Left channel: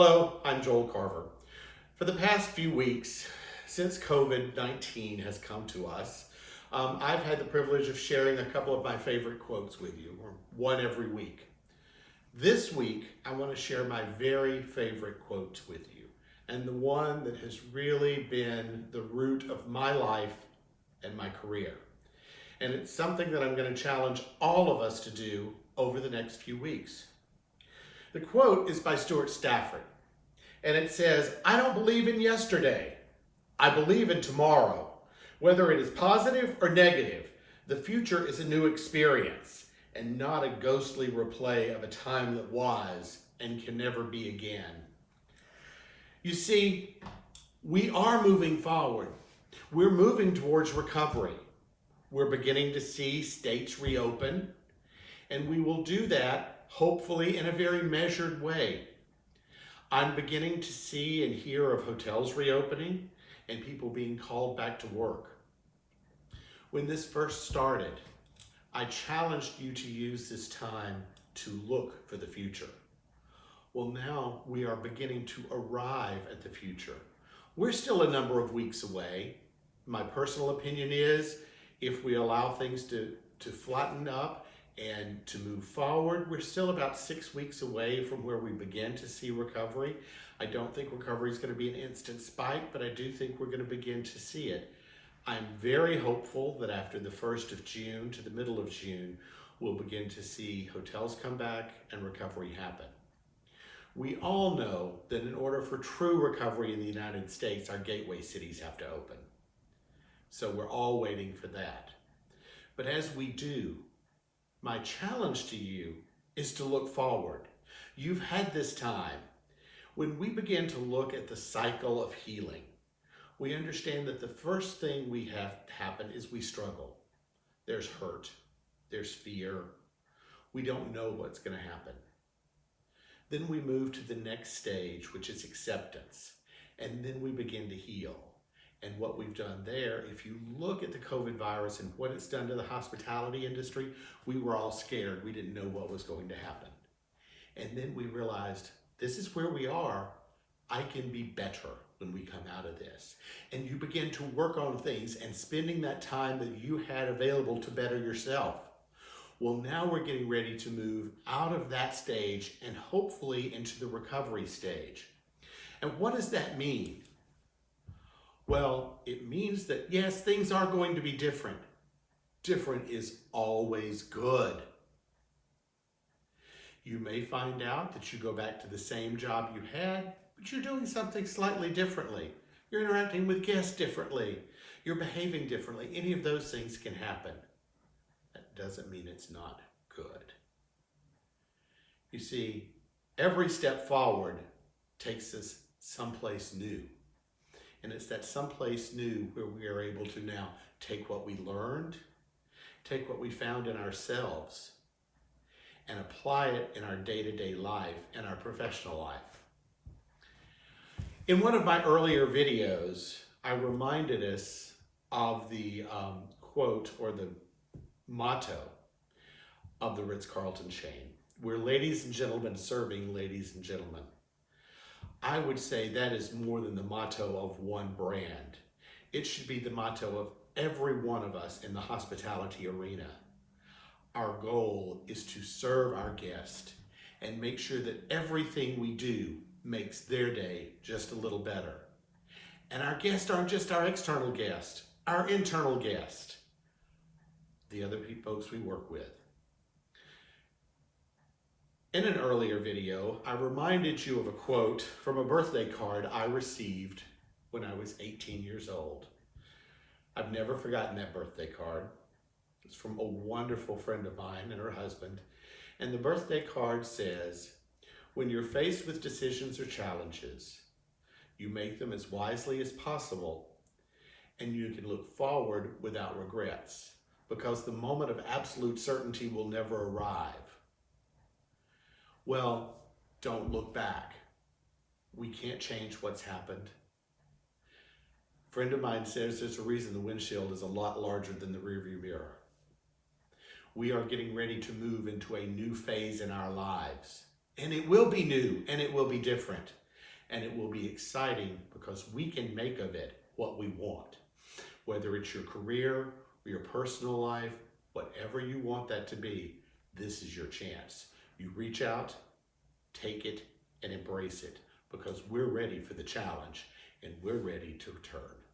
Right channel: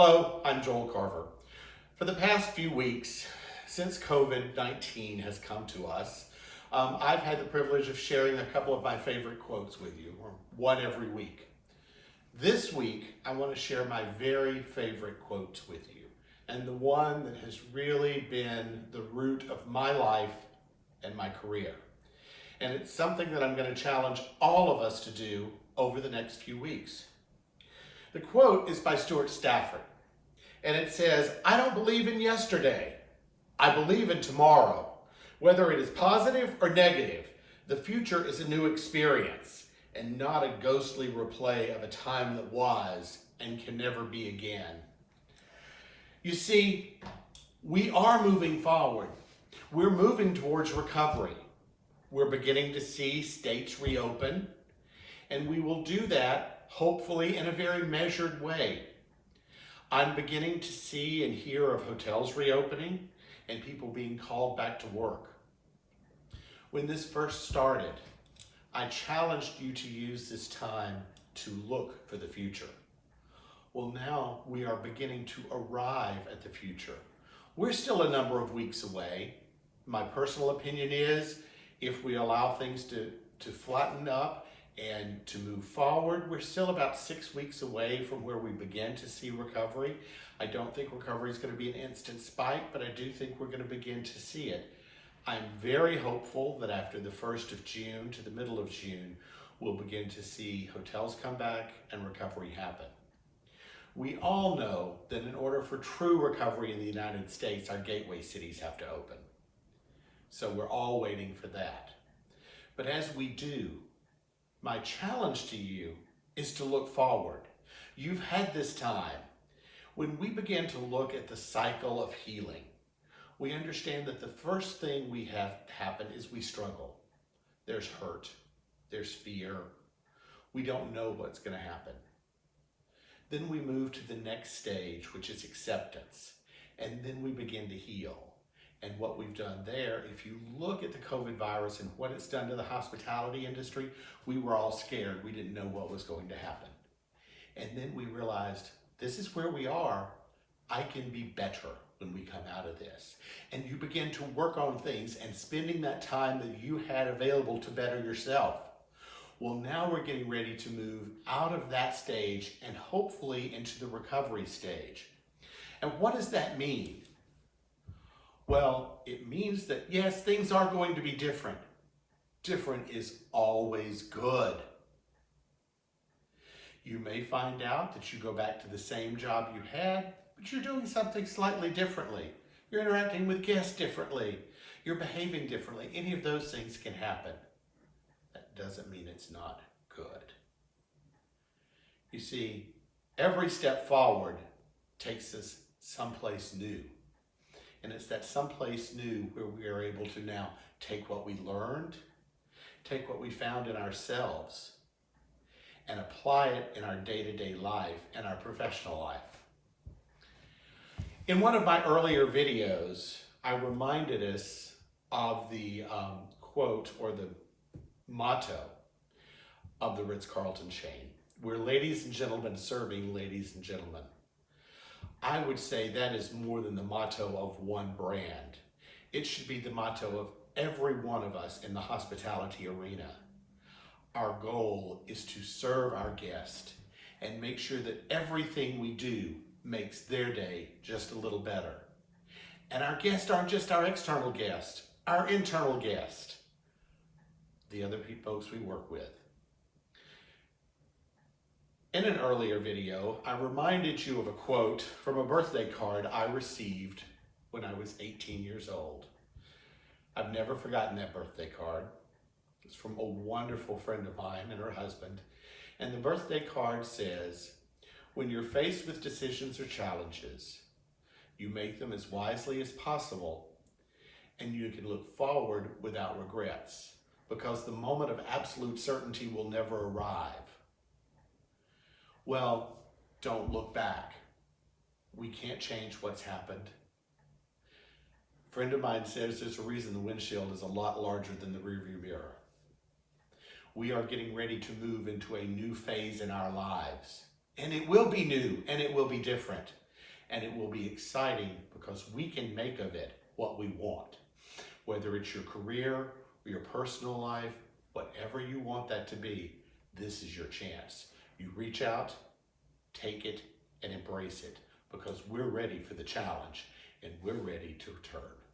Hello, I'm Joel Carver. For the past few weeks, since COVID-19 has come to us, I've had the privilege of sharing a couple of my favorite quotes with you, or one every week. This week, I want to share my very favorite quote with you, and the one that has really been the root of my life and my career. And it's something that I'm going to challenge all of us to do over the next few weeks. The quote is by Stuart Stafford, and it says, "I don't believe in yesterday. I believe in tomorrow. Whether it is positive or negative, the future is a new experience and not a ghostly replay of a time that was and can never be again." You see, we are moving forward. We're moving towards recovery. We're beginning to see states reopen, and we will do that hopefully in a very measured way. I'm beginning to see and hear of hotels reopening and people being called back to work. When this first started, I challenged you to use this time to look for the future. Well, now we are beginning to arrive at the future. We're still a number of weeks away. My personal opinion is if we allow things to flatten up and to move forward, we're still about 6 weeks away from where we begin to see recovery. I don't think recovery is going to be an instant spike, but I do think we're going to begin to see it. I'm very hopeful that after the 1st of June to the middle of June, we'll begin to see hotels come back and recovery happen. We all know that in order for true recovery in the United States, our gateway cities have to open. So we're all waiting for that. But as we do, my challenge to you is to look forward. You've had this time. When we begin to look at the cycle of healing, we understand that the first thing we have happen is we struggle. There's hurt, there's fear. We don't know what's going to happen. Then we move to the next stage, which is acceptance, and then we begin to heal. And what we've done there, if you look at the COVID virus and what it's done to the hospitality industry, we were all scared. We didn't know what was going to happen. And then we realized, this is where we are. I can be better when we come out of this. And you begin to work on things and spending that time that you had available to better yourself. Well, now we're getting ready to move out of that stage and hopefully into the recovery stage. And what does that mean? Well, it means that, yes, things are going to be different. Different is always good. You may find out that you go back to the same job you had, but you're doing something slightly differently. You're interacting with guests differently. You're behaving differently. Any of those things can happen. That doesn't mean it's not good. You see, every step forward takes us someplace new. And it's that someplace new where we are able to now take what we learned, take what we found in ourselves, and apply it in our day-to-day life and our professional life. In one of my earlier videos, I reminded us of the quote or the motto of the Ritz-Carlton chain. We're ladies and gentlemen serving ladies and gentlemen. I would say that is more than the motto of one brand. It should be the motto of every one of us in the hospitality arena. Our goal is to serve our guest and make sure that everything we do makes their day just a little better. And our guests aren't just our external guest, our internal guest, the other folks we work with. In an earlier video, I reminded you of a quote from a birthday card I received when I was 18 years old. I've never forgotten that birthday card. It's from a wonderful friend of mine and her husband. And the birthday card says, "When you're faced with decisions or challenges, you make them as wisely as possible, and you can look forward without regrets, because the moment of absolute certainty will never arrive." Well, don't look back. We can't change what's happened. A friend of mine says there's a reason the windshield is a lot larger than the rearview mirror. We are getting ready to move into a new phase in our lives. And it will be new and it will be different. and it will be exciting because we can make of it what we want. Whether it's your career or your personal life, whatever you want that to be, this is your chance. You reach out, take it, and embrace it because we're ready for the challenge and we're ready to return.